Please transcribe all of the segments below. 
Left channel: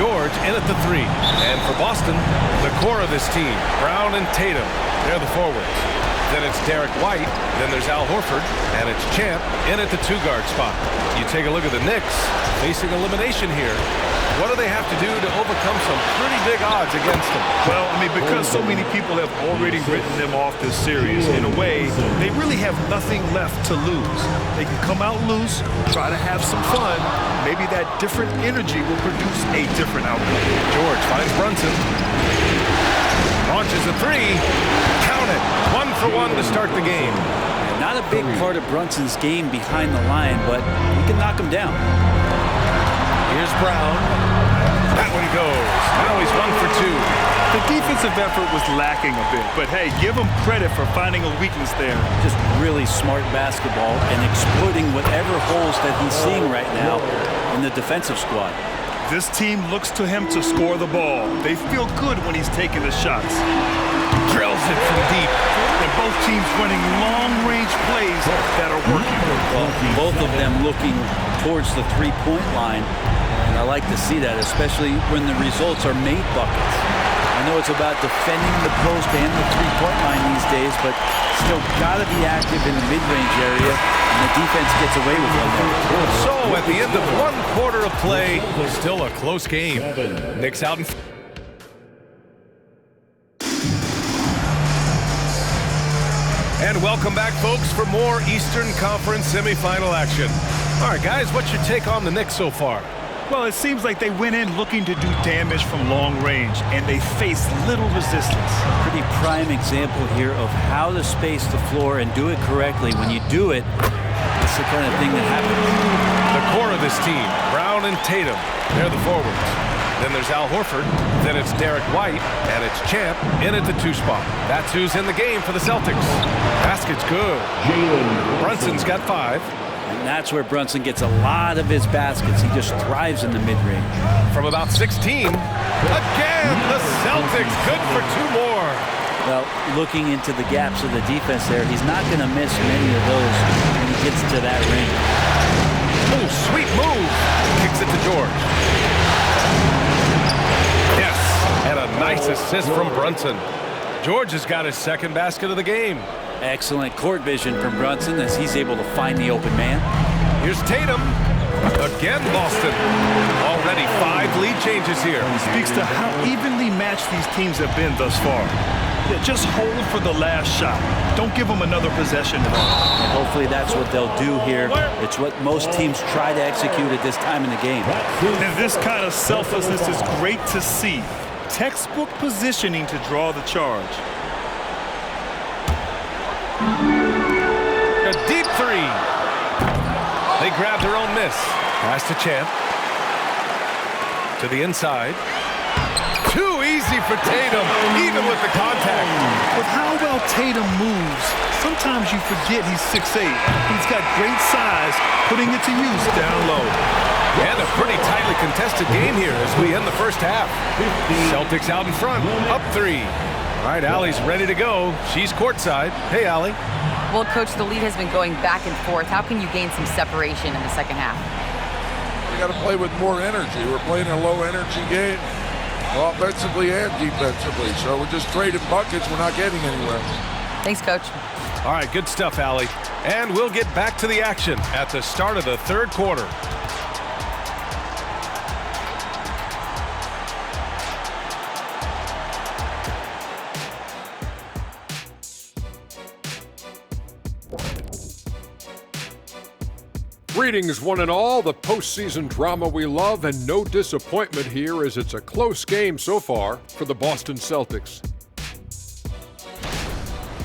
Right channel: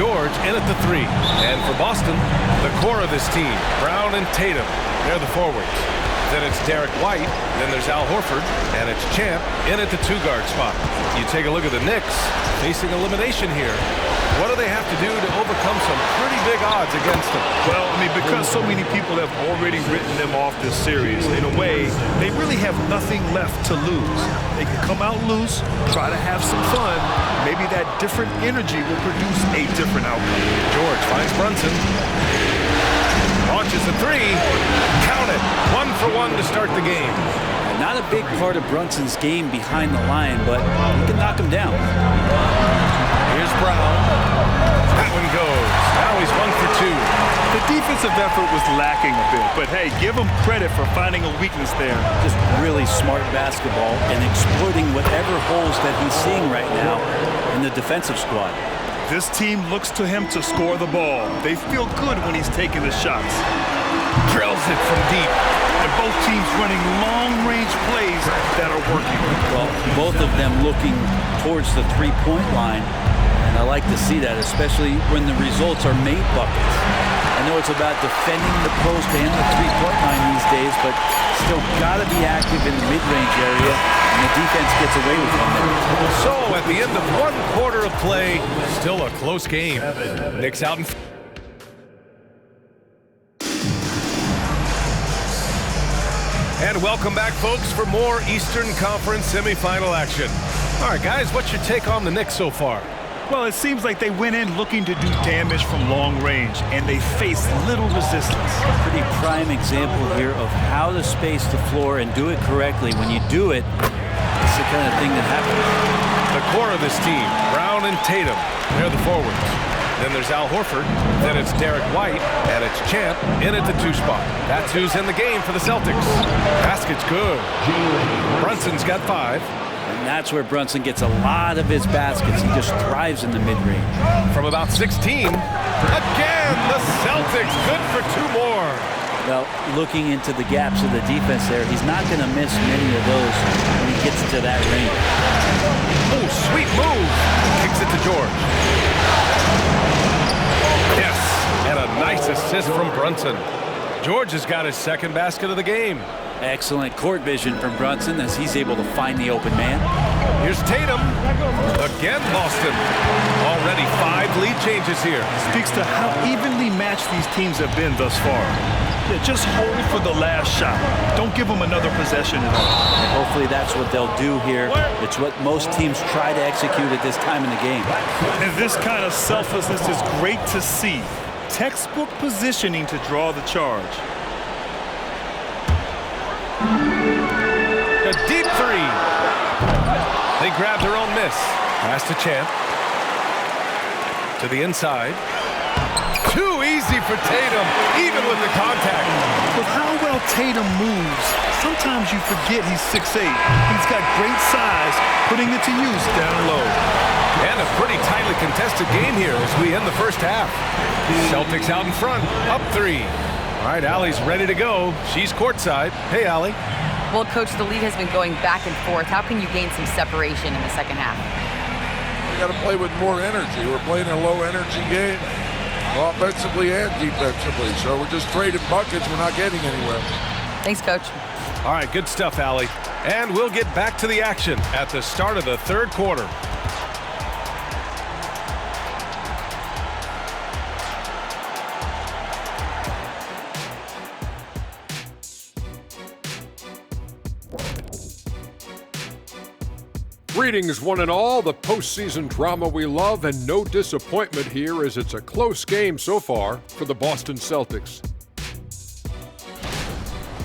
George in at the 3. And for Boston, the core of this team, Brown and Tatum, they're the forwards. Then it's Derek White, then there's Al Horford, and it's Champ in at the 2-guard spot. You take a look at the Knicks, facing elimination here. What do they have to do to overcome some pretty big odds against them? Well, I mean, because so many people have already written them off this series, in a way, they really have nothing left to lose. They can come out loose, try to have some fun. Maybe that different energy will produce a different outcome. George finds Brunson. Launches a 3. Count it. 1 for 1 to start the game. And not a big part of Brunson's game behind the line, but he can knock him down. Here's Brown. That one goes. Now he's 1 for 2. The defensive effort was lacking a bit, but hey, give him credit for finding a weakness there. Just really smart basketball and exploiting whatever holes that he's seeing right now in the defensive squad. This team looks to him to score the ball. They feel good when he's taking the shots. Drills it from deep. And both teams running long-range plays that are working. Well, both of them looking towards the three-point line, and I like to see that, especially when the results are made buckets. I know it's about defending the post and the three-point line these days, but still got to be active in the mid-range area, and the defense gets away with one there. So at the end of 1 quarter of play, still a close game. Knicks out in. And welcome back, folks, for more Eastern Conference semifinal action. All right, guys, what's your take on the Knicks so far? Well, it seems like they went in looking to do damage from long range, and they faced little resistance. Pretty prime example here of how to space the floor and do it correctly. When you do it, it's the kind of thing that happens. The core of this team, Brown and Tatum, they're the forwards. Then there's Al Horford, then it's Derek White, and it's Champ in at the 2 spot. That's who's in the game for the Celtics. Basket's good. Brunson's got 5. And that's where Brunson gets a lot of his baskets. He just thrives in the mid-range. From about 16, again, the Celtics good for 2 more. Well, looking into the gaps of the defense there, he's not going to miss many of those when he gets to that range. Oh, sweet move. Kicks it to George. Yes, and a nice assist from Brunson. George has got his 2nd basket of the game. Excellent court vision from Brunson as he's able to find the open man. Here's Tatum. Again, Boston. Already 5 lead changes here. Speaks to how evenly matched these teams have been thus far. Yeah, just hold for the last shot. Don't give them another possession at all. And hopefully that's what they'll do here. It's what most teams try to execute at this time in the game. And this kind of selflessness is great to see. Textbook positioning to draw the charge. A deep 3. They grab their own miss. Pass to Champ. To the inside. Too easy for Tatum, even with the contact. With how well Tatum moves, sometimes you forget he's 6'8". He's got great size, putting it to use down low. And a pretty tightly contested game here as we end the first half. Celtics out in front, up 3. All right, Allie's ready to go. She's courtside. Hey, Allie. Well, Coach, the lead has been going back and forth. How can you gain some separation in the second half? We got to play with more energy. We're playing a low-energy game, offensively and defensively. So we're just trading buckets. We're not getting anywhere. Thanks, Coach. All right, good stuff, Allie. And we'll get back to the action at the start of the 3rd quarter. Greetings, one and all. The postseason drama we love, and no disappointment here as it's a close game so far for the Boston Celtics.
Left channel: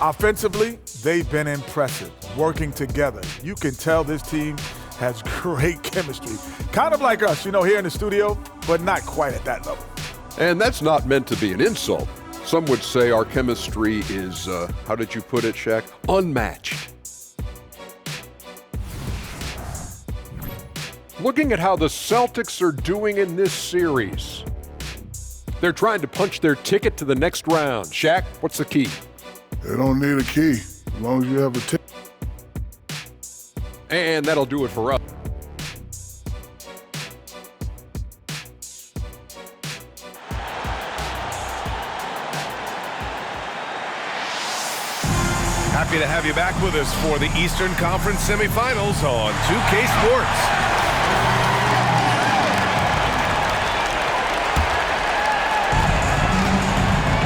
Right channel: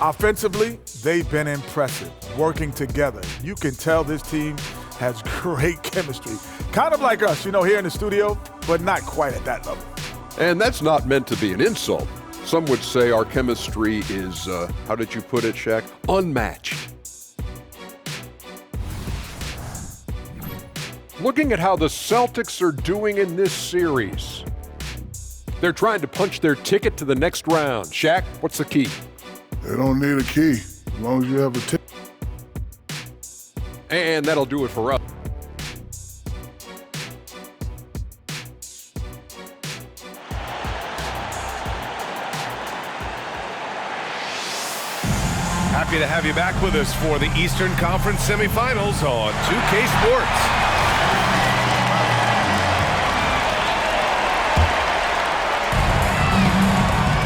Offensively, they've been impressive, working together. You can tell this team has great chemistry. Kind of like us, here in the studio, but not quite at that level. And that's not meant to be an insult. Some would say our chemistry is, how did you put it, Shaq? Unmatched. Looking at how the Celtics are doing in this series, they're trying to punch their ticket to the next round. Shaq, what's the key? They don't need a key, as long as you have a ticket. And that'll do it for us. Happy to have you back with us for the Eastern Conference semifinals on 2K Sports.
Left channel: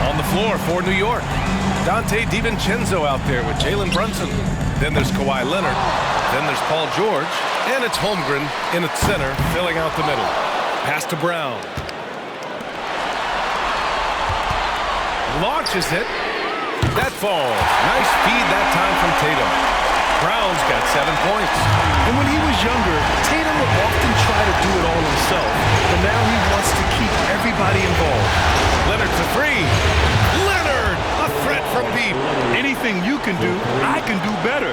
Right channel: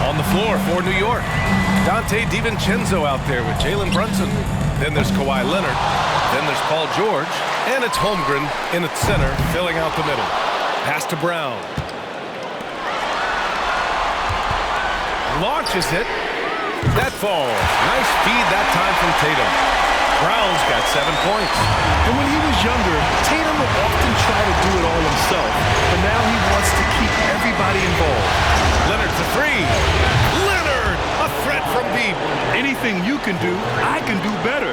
On the floor for New York, Dante DiVincenzo out there with Jalen Brunson. Then there's Kawhi Leonard. Then there's Paul George. And it's Holmgren in at center, filling out the middle. Pass to Brown. Launches it. That falls. Nice feed that time from Tatum. Brown's got 7 points. And when he was younger, Tatum would often try to do it all himself, but now he wants to keep everybody involved. Leonard to three. Leonard, a threat from deep. Anything you can do, I can do better.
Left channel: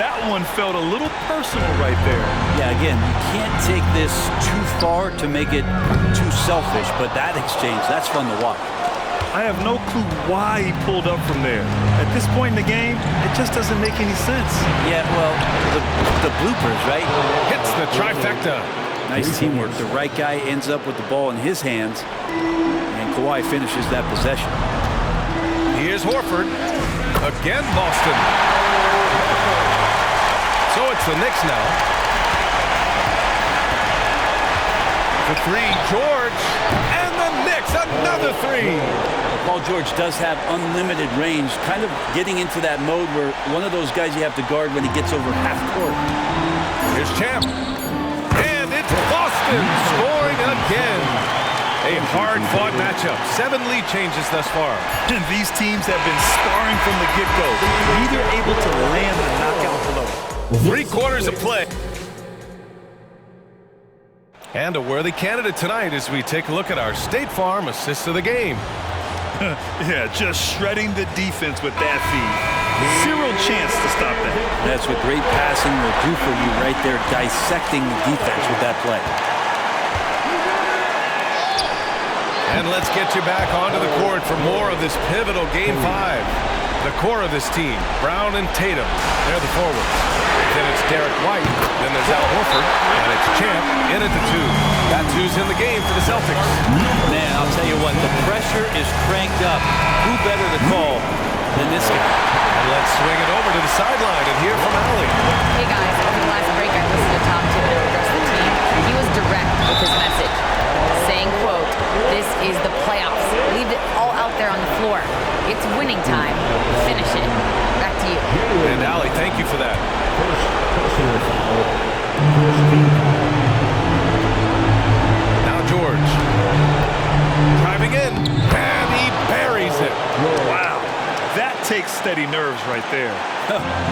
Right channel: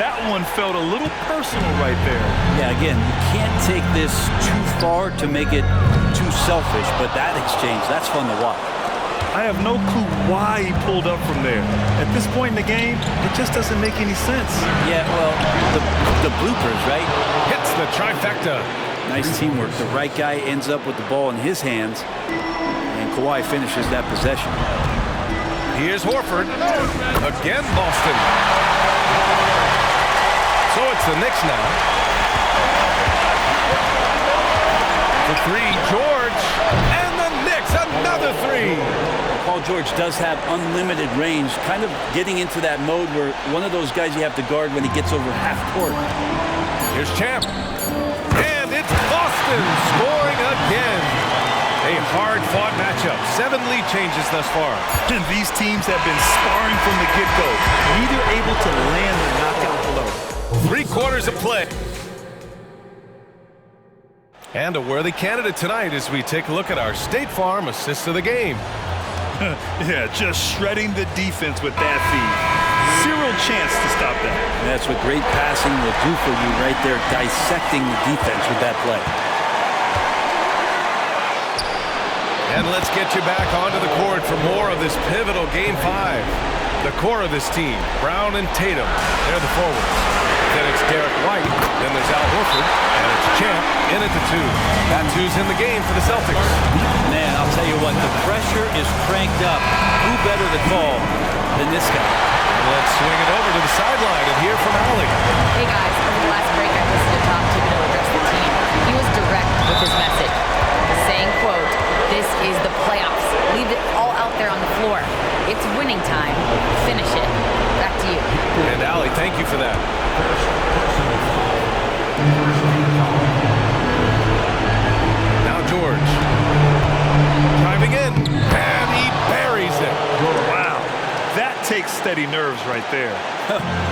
That one felt a little personal right there. Yeah, again, you can't take this too far to make it too selfish, but that exchange, that's fun to watch. I have no clue why he pulled up from there. At this point in the game, it just doesn't make any sense. Yeah, well, the bloopers, right? Hits the trifecta. Nice teamwork. The right guy ends up with the ball in his hands, and Kawhi finishes that possession. Here's Horford. Again, Boston. So it's the Knicks now. The three, George. And the Knicks, another three. Paul George does have unlimited range, kind of getting into that mode where one of those guys you have to guard when he gets over half court. Here's Champ. And it's Boston scoring again. A hard-fought matchup. 7 lead changes thus far. And these teams have been sparring from the get-go. Neither able to land the knockout blow. 3 quarters of play. And a worthy candidate tonight as we take a look at our State Farm assist of the game. Yeah, just shredding the defense with that feed. Zero chance to stop that. That's what great passing will do for you right there, dissecting the defense with that play. And let's get you back onto the court for more of this pivotal Game 5. The core of this team, Brown and Tatum, they're the forwards. Then it's Derek White, then there's Al Horford, and it's Champ in at the 2. That's who's in the game for the Celtics. Man, I'll tell you what, the pressure is cranked up. Who better to call than this guy? And let's swing it over to the sideline and hear from Allie. Hey guys, over the last break I listened to Tom Thibodeau address the team. He was direct with his message, saying, quote, "This is the playoffs. Leave it all out there on the floor. It's winning time. Finish it." Back to you. And Allie, thank you for that. Now George. Driving in, and he buries it. Wow, that takes steady nerves right there.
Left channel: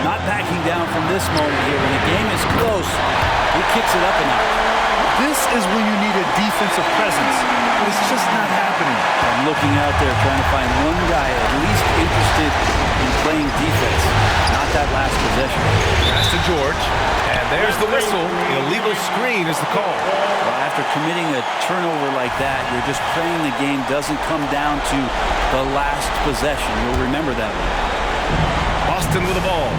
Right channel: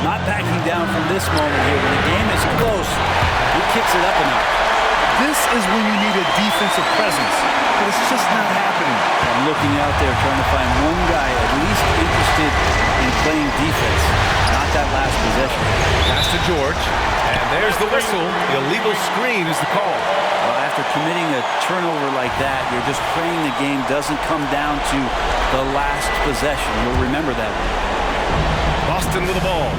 Not backing down from this moment here. When the game is close, he kicks it up a notch. This is when you need a defensive presence, but it's just not happening. I'm looking out there trying to find one guy at least interested in playing defense, not that last possession. Pass to George, and there's the whistle. Illegal screen is the call. Well, after committing a turnover like that, you're just praying the game doesn't come down to the last possession. You'll remember that one. Boston with the ball.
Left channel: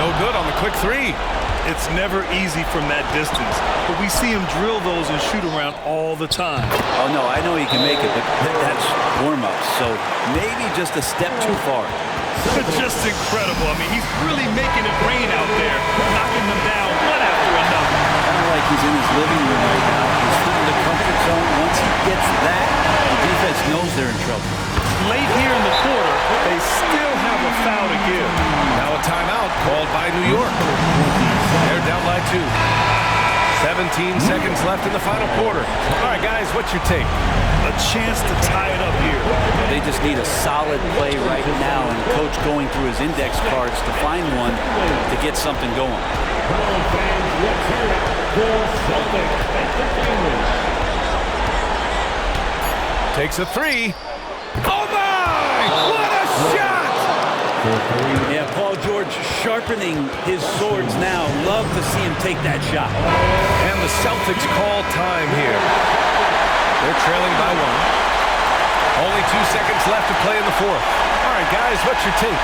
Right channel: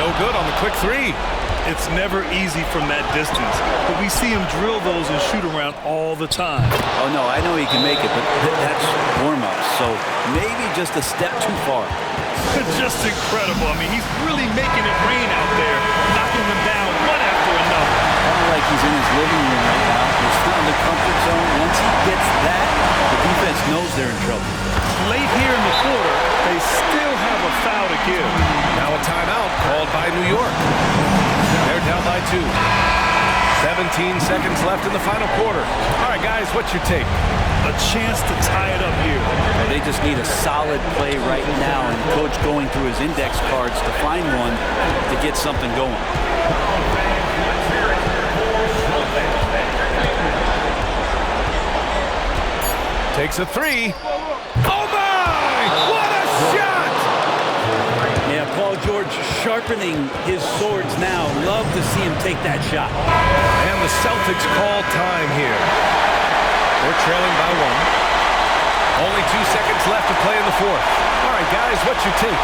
No good on the quick 3. It's never easy from that distance, but we see him drill those and shoot around all the time. Oh, no, I know he can make it, but that's warm-ups, so maybe just a step too far. Just incredible. I mean, he's really making it rain out there, knocking them down one after another. Kind of like he's in his living room right now. He's found the comfort zone. Once he gets that, the defense knows they're in trouble. Late here in the quarter, they still have a foul to give. Now a timeout called by New York. They're down by 2. 17 seconds left in the final quarter. All right, guys, what's your take? A chance to tie it up here. Well, they just need a solid play right now, and Coach going through his index cards to find one to get something going. Takes a 3. Oh, my! What a shot! Yeah, Paul George sharpening his swords now. Love to see him take that shot. And the Celtics call time here. They're trailing by 1. Only 2 seconds left to play in the 4th. All right, guys, what's your take?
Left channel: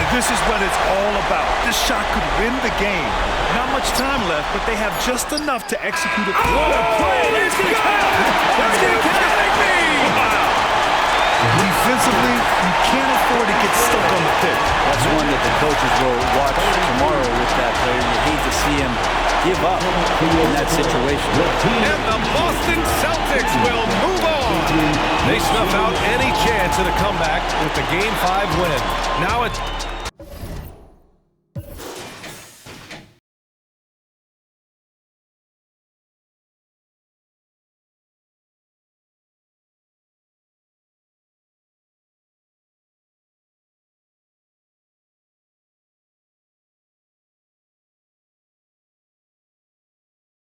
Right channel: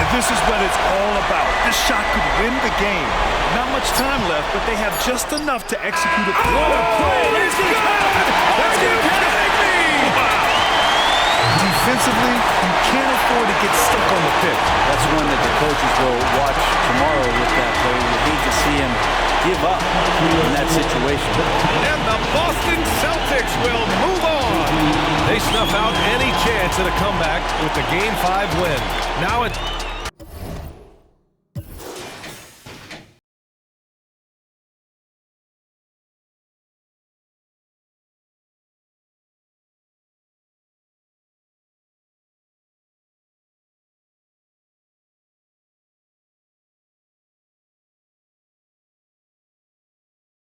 And this is what it's all about. This shot could win the game. Not much time left, but they have just enough to execute a play. It's good! Are you kidding me? Wow. Defensively, you can't for it to get stuck on the pick. That's one that the coaches will watch tomorrow with that player. You hate to see him give up in that situation. And the Boston Celtics will move on. They snuff out any chance at a comeback with the Game 5 win. Now it's